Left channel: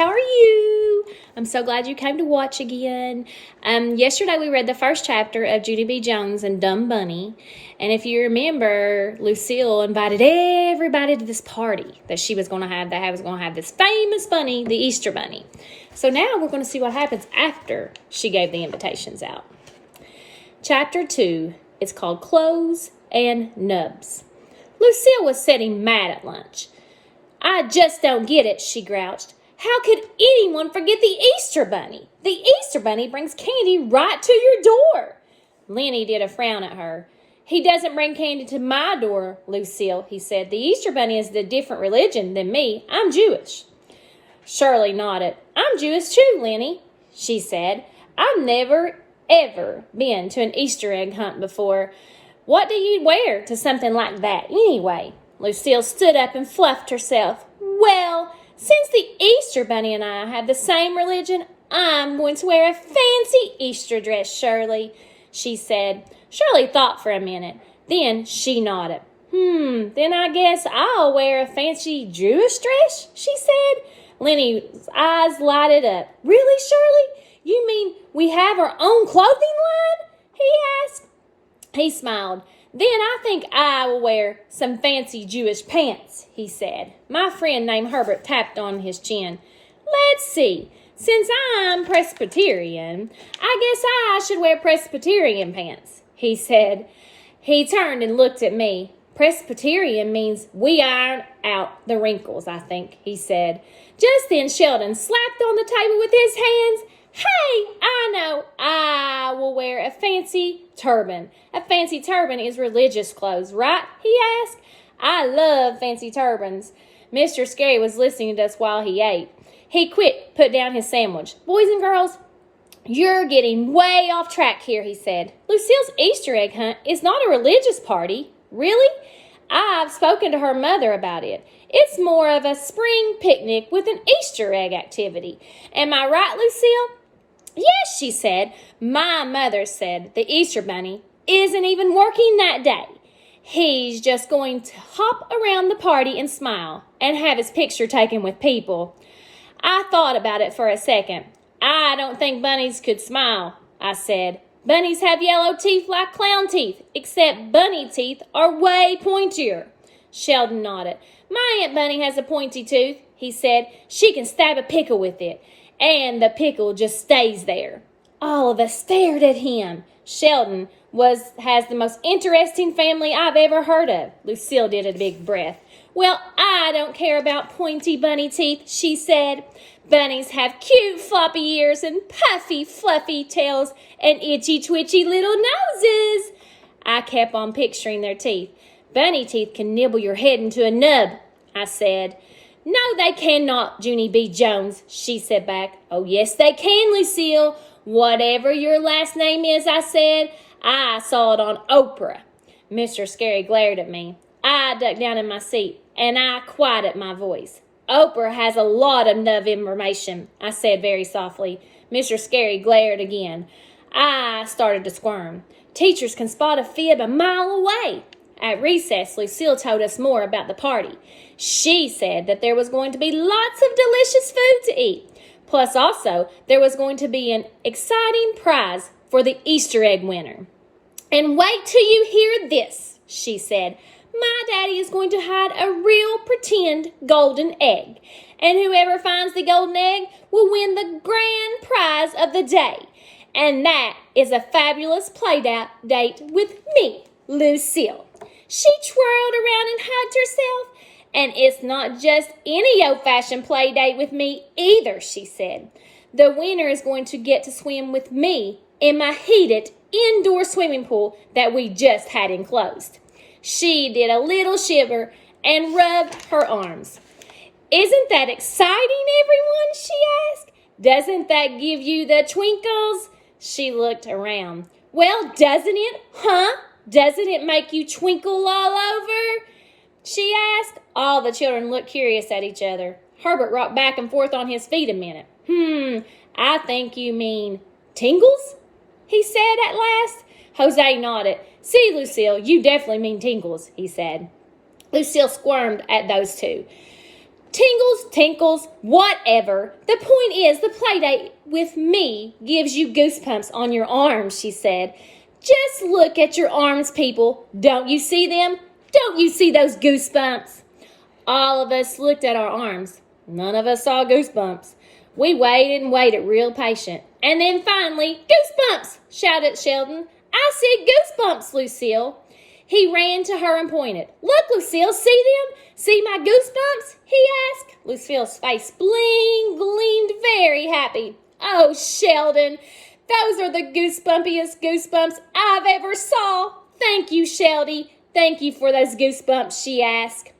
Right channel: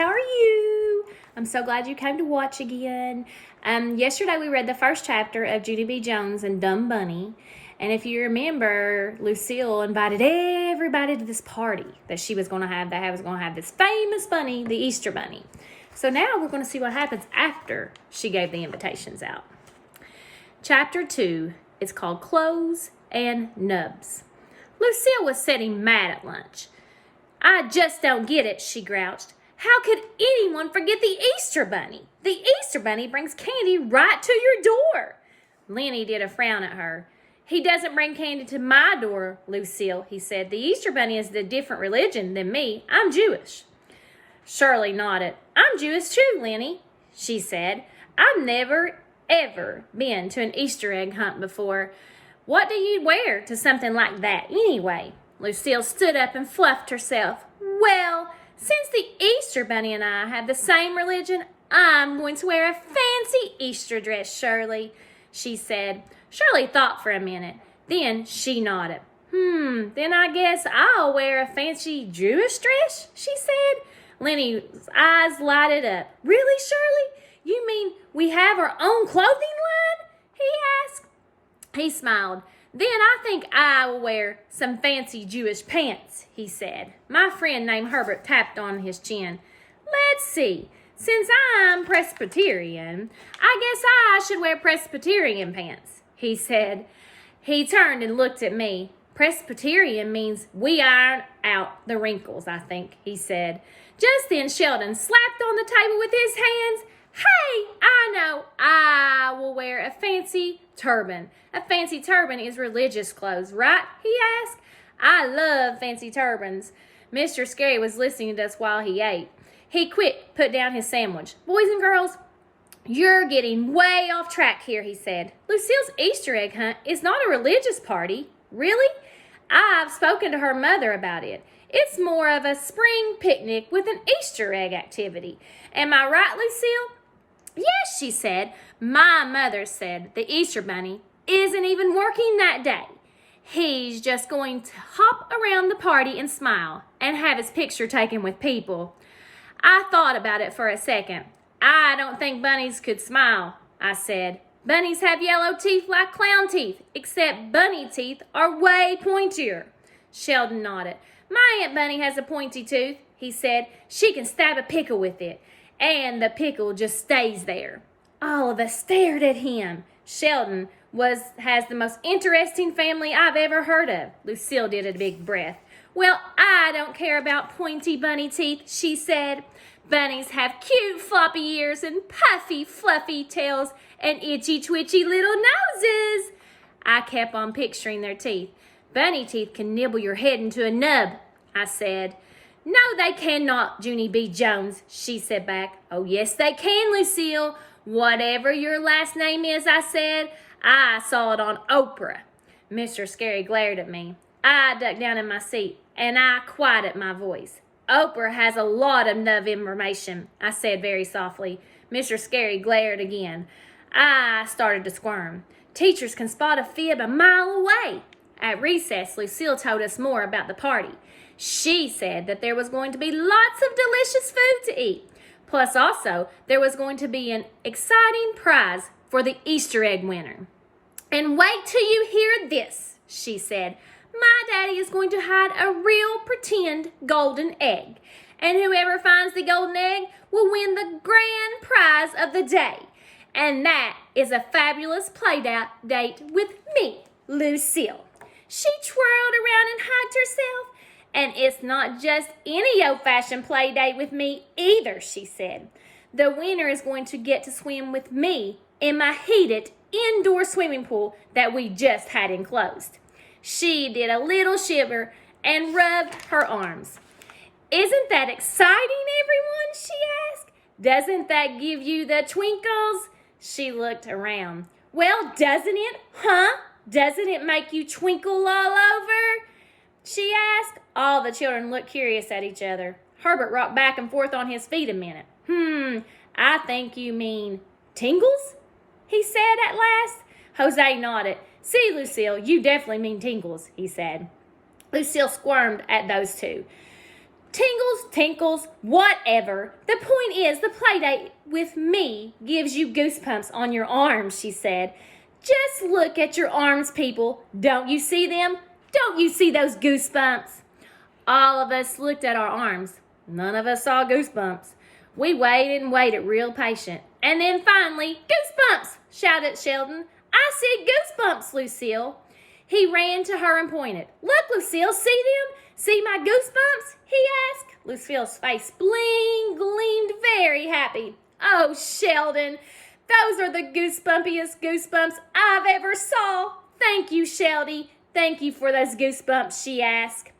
How are you? I'm so glad you came to watch again. Yesterday we read the first chapter of Junie B. Jones and Dumb Bunny. And if you remember, Lucille invited everybody to this party that she was going to have. That was going to have this famous bunny, the Easter Bunny. So now we're going to see what happens after she gave the invitations out. Chapter 2 is called Clothes and Nubs. Lucille was sitting mad at lunch. "I just don't get it," she grouched. "How could anyone forget the Easter Bunny? The Easter Bunny brings candy right to your door." Lenny did a frown at her. "He doesn't bring candy to my door, Lucille," he said. "The Easter Bunny is a different religion than me. I'm Jewish." Shirley nodded. "I'm Jewish too, Lenny," she said. "I've never, ever been to an Easter egg hunt before. What do you wear to something like that anyway?" Lucille stood up and fluffed herself. "Well, since the Easter Bunny and I have the same religion, I'm going to wear a fancy Easter dress, Shirley," she said. Shirley thought for a minute. Then she nodded. Then I guess I'll wear a fancy Jewish dress," she said. Lenny's eyes lighted up. "Really, Shirley? You mean we have our own clothing line?" he asked. He smiled. "Then I think I will wear some fancy Jewish pants," he said. My friend named Herbert tapped on his chin. "Let's see. Since I'm Presbyterian, I guess I should wear Presbyterian pants," he said. He turned and looked at me. "Presbyterian means we iron out the wrinkles, I think," he said. Just then Sheldon slapped on the table with his hands. "Hey, I know. I will wear a fancy turban." "A fancy turban is religious clothes, right?" he asked. "I love fancy turbans." Mr. Scary was listening to us while he ate. He put down his sandwich. "Boys and girls, you're getting way off track here," he said. "Lucille's Easter egg hunt is not a religious party." "Really?" "I've spoken to her mother about it. It's more of a spring picnic with an Easter egg activity. Am I right, Lucille?" "Yes," she said. "My mother said the Easter Bunny isn't even working that day. He's just going to hop around the party and smile and have his picture taken with people." I thought about it for a second. "I don't think bunnies could smile," I said. "Bunnies have yellow teeth like clown teeth, except bunny teeth are way pointier." Sheldon nodded. "My Aunt Bunny has a pointy tooth," he said. "She can stab a pickle with it, and the pickle just stays there." All of us stared at him. Sheldon has the most interesting family I've ever heard of. Lucille did a big breath. "Well, I don't care about pointy bunny teeth," she said. "Bunnies have cute floppy ears and puffy fluffy tails and itchy twitchy little noses." I kept on picturing their teeth. "Bunny teeth can nibble your head into a nub," I said. "No, they cannot, Junie B. Jones," she said back. "Oh, yes, they can, Lucille. Whatever your last name is," I said. "I saw it on Oprah." Mr. Scary glared at me. I ducked down in my seat, and I quieted my voice. "Oprah has a lot of nub information," I said very softly. Mr. Scary glared again. I started to squirm. Teachers can spot a fib a mile away. At recess, Lucille told us more about the party. She said that there was going to be lots of delicious food to eat. Plus, also, there was going to be an exciting prize for the Easter egg winner. "And wait till you hear this," she said. "My daddy is going to hide a real pretend golden egg. And whoever finds the golden egg will win the grand prize of the day. And that is a fabulous play date with me, Lucille." She twirled around and hugged herself. "And it's not just any old-fashioned play date with me either," she said. "The winner is going to get to swim with me in my heated indoor swimming pool that we just had enclosed." She did a little shiver and rubbed her arms. "Isn't that exciting, everyone?" she asked. "Doesn't that give you the twinkles?" She looked around. "Well, doesn't it, huh? Doesn't it make you twinkle all over?" she asked. All the children looked curious at each other. Herbert rocked back and forth on his feet a minute. "I think you mean tingles?" he said at last. Jose nodded. "See, Lucille, you definitely mean tingles," he said. Lucille squirmed at those two. Tingles, tinkles, whatever. The point is, the playdate with me gives you goosebumps on your arms, she said. Just look at your arms, people. Don't you see them? Don't you see those goosebumps? All of us looked at our arms. None of us saw goosebumps. We waited and waited real patient. And then finally, goosebumps, shouted Sheldon. I see goosebumps, Lucille. He ran to her and pointed. Look, Lucille, see them? See my goosebumps? He asked. Lucille's face gleamed very happy. Oh, Sheldon, those are the goosebumpiest goosebumps I've ever saw. Thank you, Sheldy. Thank you for those goosebumps, she asked.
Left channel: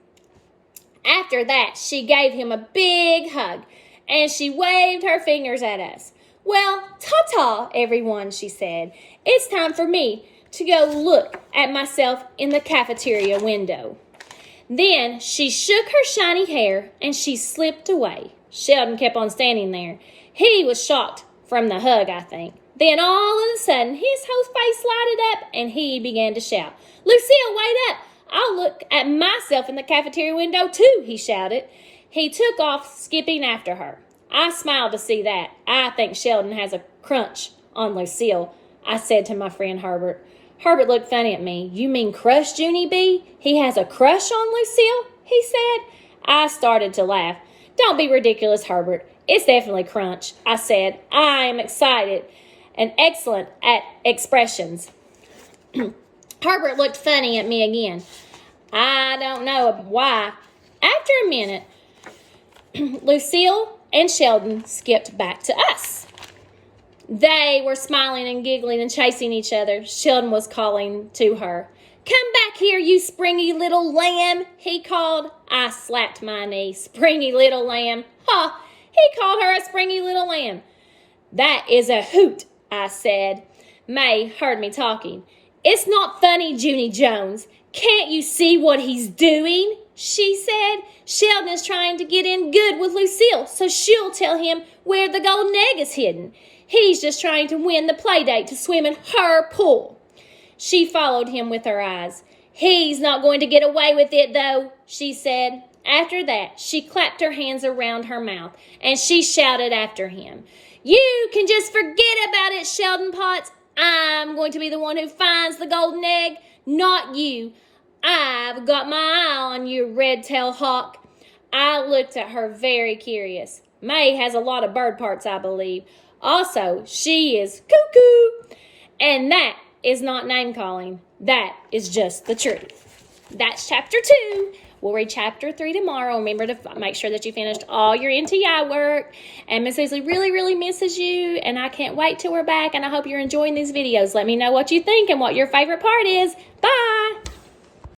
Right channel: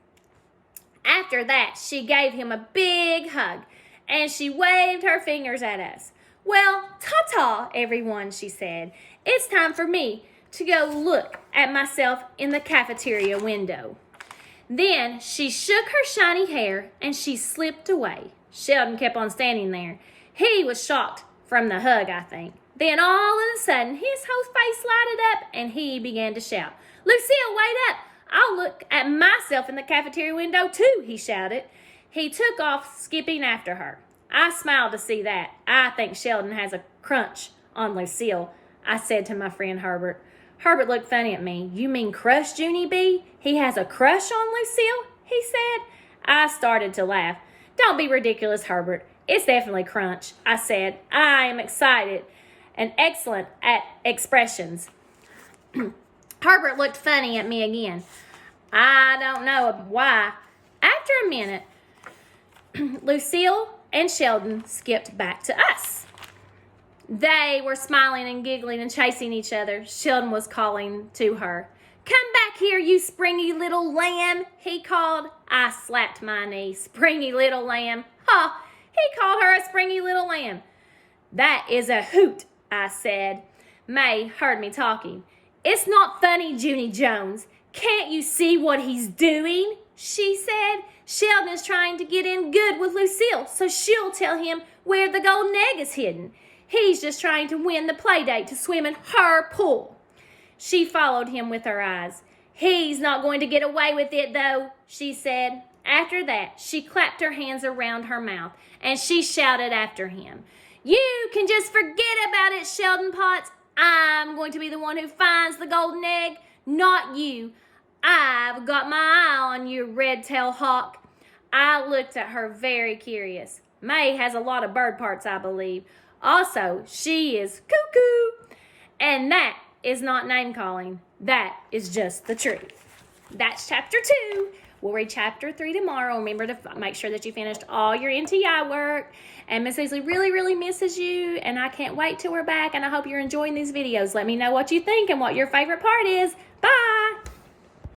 After that, she gave him a big hug, and she waved her fingers at us. Well, ta-ta, everyone, she said. It's time for me to go look at myself in the cafeteria window. Then she shook her shiny hair and she slipped away. Sheldon kept on standing there. He was shocked from the hug, I think. Then all of a sudden, his whole face lighted up and he began to shout, Lucille, wait up! I'll look at myself in the cafeteria window too, he shouted. He took off, skipping after her. I smiled to see that. I think Sheldon has a crunch on Lucille, I said to my friend Herbert. Herbert looked funny at me. You mean crush, Junie B? He has a crush on Lucille? He said. I started to laugh. Don't be ridiculous, Herbert. It's definitely crunch, I said. I am excited and excellent at expressions. Herbert looked funny at me again. I don't know why. After a minute, Lucille and Sheldon skipped back to us. They were smiling and giggling and chasing each other. Sheldon was calling to her. Come back here, you springy little lamb, he called. I slapped my knee. Springy little lamb. Ha! He called her a springy little lamb. That is a hoot, I said. May heard me talking. It's not funny, Junie Jones. Can't you see what he's doing? She said. Sheldon is trying to get in good with Lucille, so she'll tell him where the golden egg is hidden. He's just trying to win the playdate to swim in her pool. She followed him with her eyes. He's not going to get away with it, though, she said. After that, she clapped her hands around her mouth, and she shouted after him. You can just forget about it, Sheldon Potts. I'm going to be the one who finds the golden egg, not you. I've got my eye on you, red-tailed hawk. I looked at her very curious. May has a lot of bird parts, I believe. Also, she is cuckoo. And that is not name-calling. That is just the truth. That's chapter 2. We'll read chapter 3 tomorrow. Remember to make sure that you finished all your NTI work. And Miss Weasley really, really misses you. And I can't wait till we're back. And I hope you're enjoying these videos. Let me know what you think and what your favorite part is. Bye.